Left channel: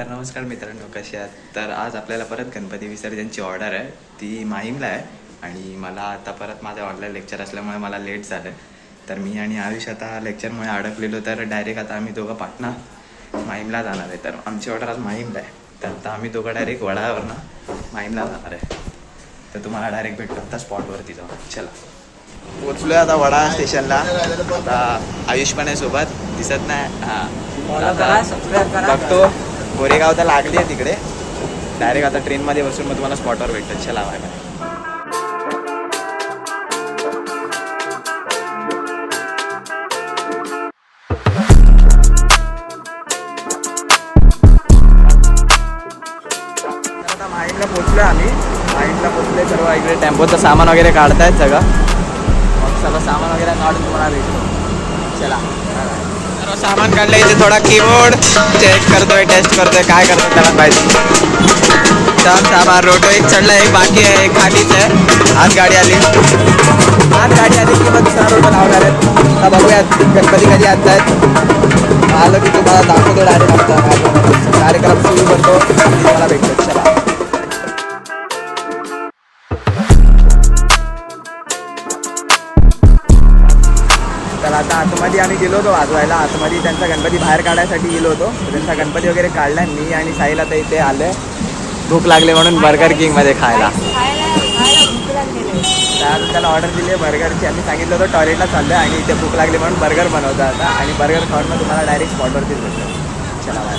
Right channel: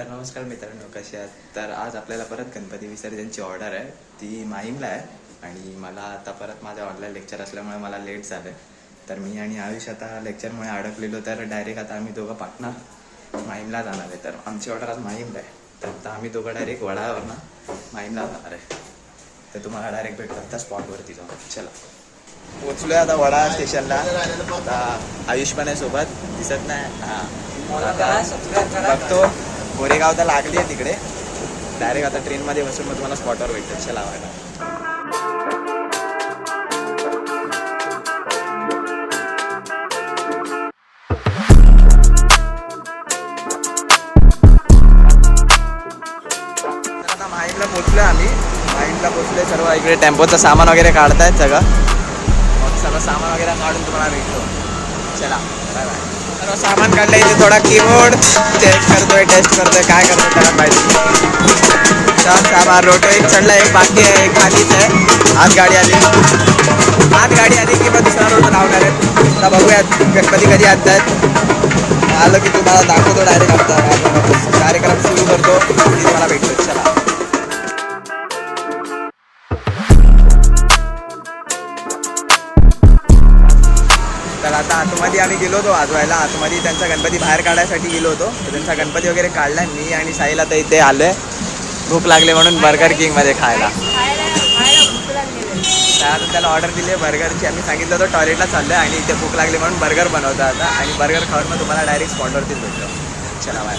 तर नमस्कार मित्रांनो, कसे आहात? तर आज आपल्याला परत गणपती विसर्जनची ऑर्डर आहे, ती माहीमला आहे. आणि मला आता परत माझ्या ऑनलाईन लेक्चर असल्यामुळे मला लेट झालं. तर मी आणि आयुष आता लेक्चरमुळे अडकलेलो, तर डायरेक्ट आता आम्ही दोघं पाटणा माहीमला जाणार आहे. तर आमची ऑर्डर आज माहीमला आहे. तर आता आम्ही दोघं डायरेक्ट वडाळ्यावरनं माहीमला जाणार आहे. तर तुम्हाला डायरेक्ट भेटतो आता स्पॉटवरती जाऊ. चला, पोचलोय आता वडाळा स्टेशनला. आता आयुष पण आहे सोबत, दिसत नाही. हां, आता बघतो. गोरेगाव तर लागली आहे तिकडे. डायरेक्ट आता ट्रेनमध्ये बसून मग तुम्हाला स्पॉटवर भेटतात. चला, बाय बाय. आता माहीमला पोचलोय आम्ही. माहीमला पोचलोय. सर्व इकडे टेम्पोचं सामान वगैरे काढतायत सगळं. मग सगळं सामान वगैरे काढून तुम्हाला भेटतो. चला, बाय बाय. सर्व सामान काढलं. इथे थोडा कीबोर्ड चेक करतोय, टेस्ट करतोय, काय करतोय त्याला पाहिजे. सब सामान रोटो एक चढला, एक बाकी आहे, एक खालीच आहे. आज गाडी आली की मग दुसरा रोटो लावणार आहेत. आता बघूयात गणपती कधी आणतायत. आलं की तुम्हाला दाखवतो डायरेक्ट. आमचा कार्यक्रम सुरू करतो आणि तुम्हाला भेटतो. चला. तर आता आतमध्ये आम्ही गेलो होतो वाजवायला. आतमध्ये त्यांचा गणपती बाहेर काढायसाठी गेलो होतो. तर त्यांचा गणपती वगैरे काढला. मी आणि साईला तर इथे आलोय, भूक लागले म्हणून बर्गर किंगमध्ये खायला. त्याला ऑर्डर दिली आहे बर्गरची. आम्ही सांगितलं होतं टॉयलेटला चाललं आहे आणि इथे भूक लागली म्हणून बर्गर बनवतो आता. आणि बर्गर खाऊन मग तुम्हाला डायरेक्ट स्पॉटवरतीच भेटतो. चला, बाय.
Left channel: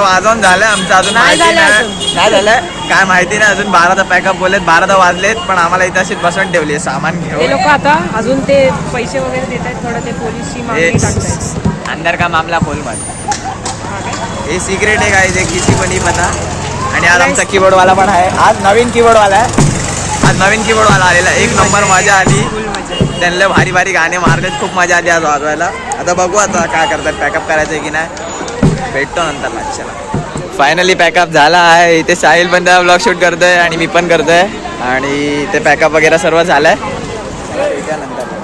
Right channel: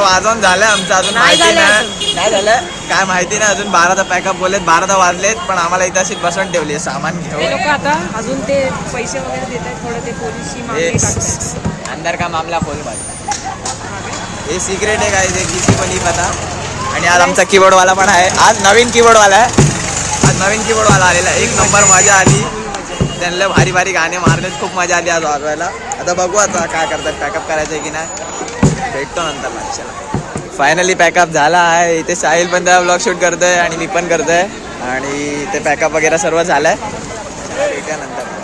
वाजवून झालं आमचं, अजून माहिती नाही झालं काय माहिती नाही अजून. 12चा पॅकअप बोललेत, 12 वाजलेत, पण आम्हाला इथं अशीच बसवून ठेवली आहे सामान घेऊन. लोक आता अजून ते पैसे वगैरे देत आहेत, थोडं ते पोलिसची मागणी टाकतायत. अंदर का मामला खोल मत, हे सिक्रेट आहे काय ते किसी पण नाही पता. आणि आज आमचा कीबोर्ड वाला पण आहे, आज नवीन कीबोर्ड वाला आहे, आज नवीन कीबोर्ड वाला आलेला. एक नंबर मजा आली, त्यांना भारी भारी गाणे मारलेत, खूप मजा आली आज वाजवायला. आता बघू आता काय करतात, पॅकअप करायचं आहे की नाही, भेटतो नंतर लक्षाला. फायनली पॅकअप झाला आहे. इथे साहिल पण त्या ब्लॉग शूट करतोय आणि मी पण करतोय, आणि ते पॅकअप वगैरे सर्व झालंय. चला भेटूया नंतर.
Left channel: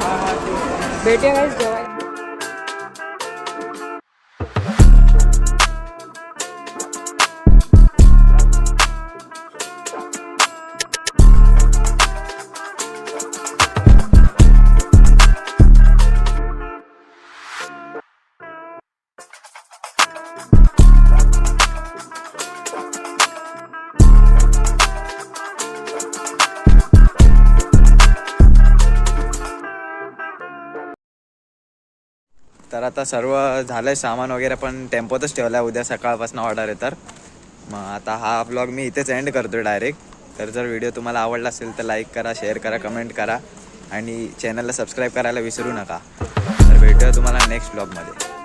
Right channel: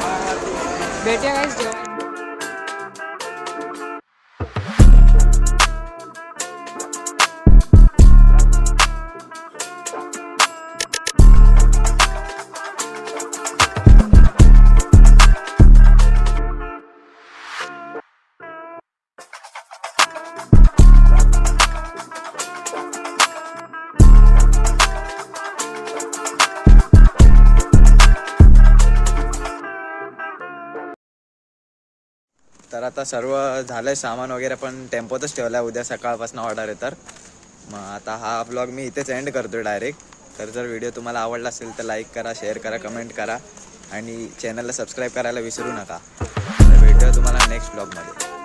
तर आता सर्व झालंय, सामान वगैरे पण टेम्पोतच ठेवलाय, उद्या सकाळपासून ऑर्डर आहे. तर मग आता हा ब्लॉग मी इथेच एंड करतोय डायरेक्ट. तर जर व्हिडिओ तुम्हाला आवडला असेल तर लाईक करा, शेअर करा, कमेंट करा आणि चॅनलला सबस्क्राईब करायला विसरू नका. तर भेटूया तुम्हाला नेक्स्ट ब्लॉगमध्ये.